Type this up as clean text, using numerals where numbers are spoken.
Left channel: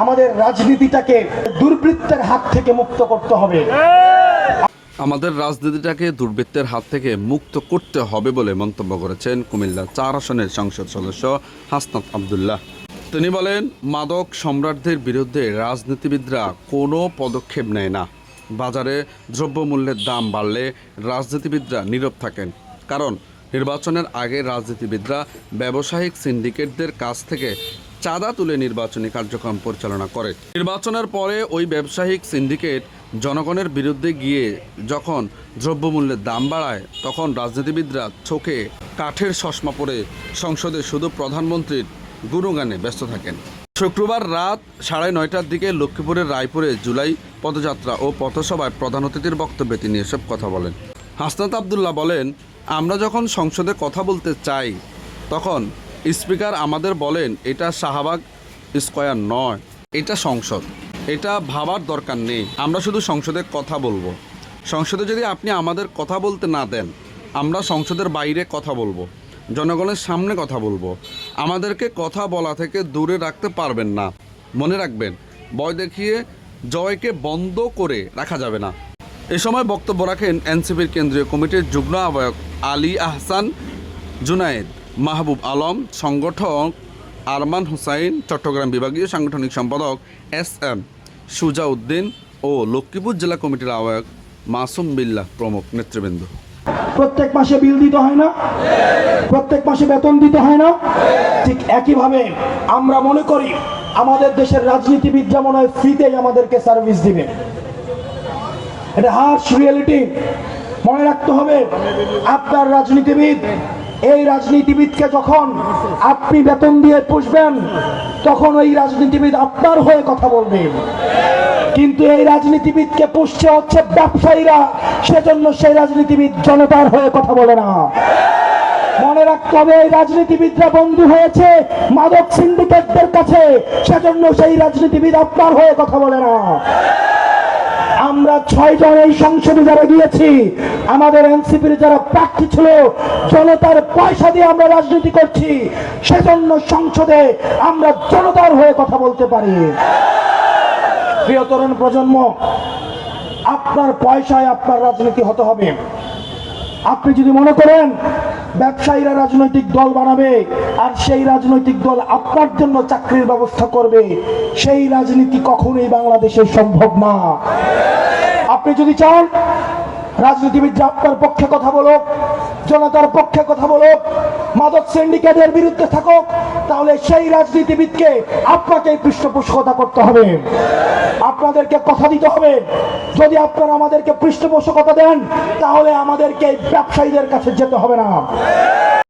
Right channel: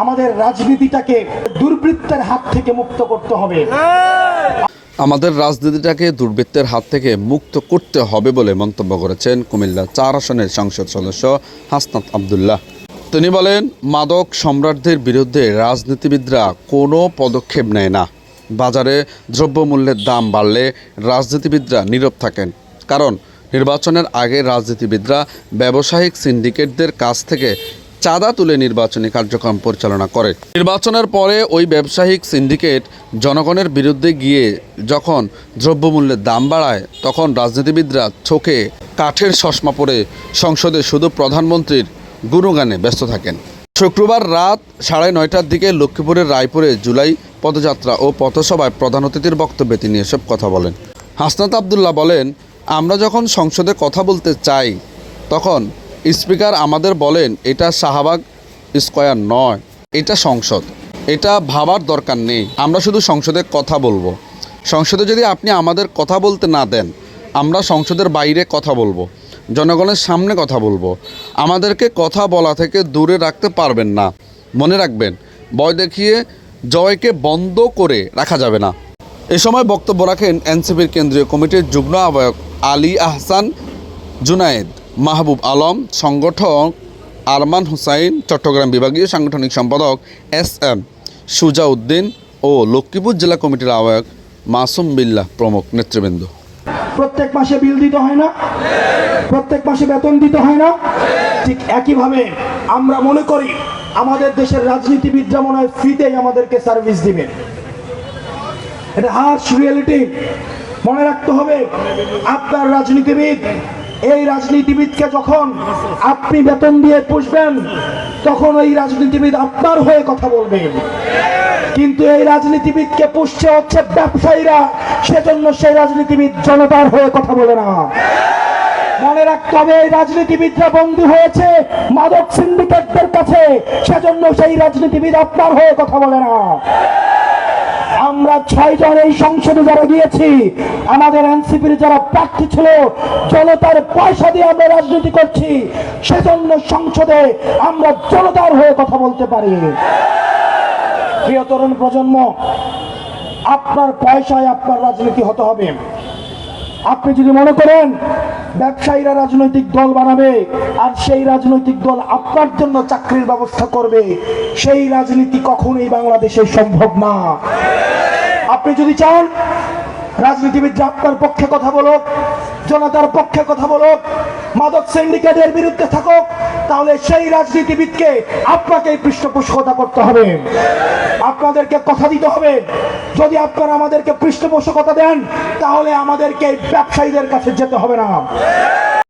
আমাদের রাজনীতিটাকে দুর্বৃত্তের হাত থেকে মুক্ত করতে হবে। আমাদের রাজনীতিটাকে দুর্বৃত্তের হাত থেকে মুক্ত করতে হবে বলে মন্তব্য করেছেন কুমিল্লা ৪ আসনের সংসদ সদস্য হাসনাত আব্দুল্লাহ। তিনি বলেন, মাদক সম্রাটদের বিরুদ্ধে রাজনীতিবিদরা কোনো পদক্ষেপ নেয় না। বাজারে দ্রব্যমূল্যের দাম বাড়লে রাজনীতিবিদরা নীরব থাকেন, কারণ নির্বাচনের আগে রাজনীতিবিদরা ব্যবসায়িক সিন্ডিকেটদের কাছ থেকে চাঁদা তুলে নির্বাচনী কার্যক্রম পরিচালনা করে। নির্বাচনের পরে ওই ব্যবসায়িক সিন্ডিকেট জনগণের বিরুদ্ধে গিয়ে যখন দ্রব্যমূল্যের দাম বাড়ায়, তখন রাজনীতিবিদরা চোখে কাঠের চশমা পরে সংসদে শুধু প্রধানমন্ত্রীর গুণগানে ব্যস্ত থাকেন। শুক্রবার রাত 9:30টার দিকে লক্ষ্মীপুরের রায়পুরে জুলাই পদযাত্রা ও পথসভায় প্রধান অতিথির বক্তব্যে তিনি এসব কথা বলেন। হাসনাত আব্দুল্লাহ বলেন, আমরা যখন সংসদে কথা বলতে চাই তখন স্পিকার আমাদের বলেন, এটা শাহবাগ স্কয়ার নয়, এটা সংসদ, এটা ভাবার দরকার নেই, আমরা শুধু সংসদে কথা বলবো। সংসদে যদি আপনি আমাদের কথা বলতে না দেন, আমরা সংসদের বাইরে কথা বলবো, জনগণের সামনে কথা বলবো। আমাদেরকে কথা বলা থেকে দূরে রাখতে পারবেন না। মনে রাখবেন, ভয় দেখিয়ে জয়কে বন্ধ করে রাখা যাবে না। এ সময় বক্তব্য রাখেন এনসিপির কেন্দ্রীয় কমিটির যুগ্ম আহ্বায়ক আলী আহসান জুনায়েদ, মাহবুব আলম, সংগঠক আরমান হুসাইন, চট্টগ্রাম বিভাগীয় সাংগঠনিক সম্পাদক SM সুজাউদ্দিন ও লক্ষ্মীপুর জেলা কমিটির আহ্বায়ক মাসুম বিল্লাহ প্রমুখ নেতৃবৃন্দ। প্রত্যেক মাসে বিল দিতে হয় না, প্রত্যেক মাসে বেতন দিতে হয় না। ঠিক একইভাবে আমরা মনে করি আমাদের দেশের রাজনীতিবিদরা মনে হয় ফ্রিতেই আমাদেরকে সার্ভিস দিবে। এটা হার্শ রিয়েলিটি। মনে রাখতে হবে, আপনার রাজনীতিবিদ, এই রাজনীতিবিদকে যখন আপনি বেতন দিয়ে পুষবেন, তখন ওই রাজনীতিবিদ আপনার হয়ে কথা বলবেন। কিন্তু এই রাজনীতিবিদকে পুষছে হচ্ছে ব্যবসায়ীরা, সেজন্য সেই রাজনীতিবিদ জনতার হয়ে কথা বলে না। মনে রাখতে হবে, এই রাজনীতিবিদরা বন্ধু হয়েছে মাদক সিন্ডিকেটদের কাছে, সেজন্য সেই রাজনীতিবিদ আপনার হয়ে কথা বলে না। আমরা 6 জন এই সংসদে যারা গিয়েছি, আমাদের এনসিপির যারা প্রার্থী ছিল, জনতার পয়সা দিয়ে আমরা রাজনীতি করছি, সেজন্য সংসদে আমরা জনতার হয়ে কথা বলতে পারি। প্রিয় তরুণ প্রজন্ম, আপনার পয়সায় আপনার রাজনীতি হতে হবে। আপনি যদি মনে করেন ব্যবসায়ীরা রাজনৈতিক দল বানাবে আর সেই রাজনৈতিক দল আপনার জন্য চাকরির ব্যবস্থা করবে, সেই রাজনীতি কখনোই বাংলাদেশে সম্ভব না। আপনি যদি চান রাজনীতিবিদরা আপনার পক্ষে কথা বলুক, জনতার পক্ষে কথা বলুক, মাদক সিন্ডিকেটের বিরুদ্ধে থাকুক, তাহলে সেই রাজনীতিবিদকে আপনাকে পৃষ্ঠপোষকতা করতে হবে, আপনাদেরকে কথা দিতে হবে। যদি আপনারা আমাদেরকে পৃষ্ঠপোষকতা দেন, তাহলে আমাদেরকে ব্যবসায়ীদের কাছে যেতে হবে না।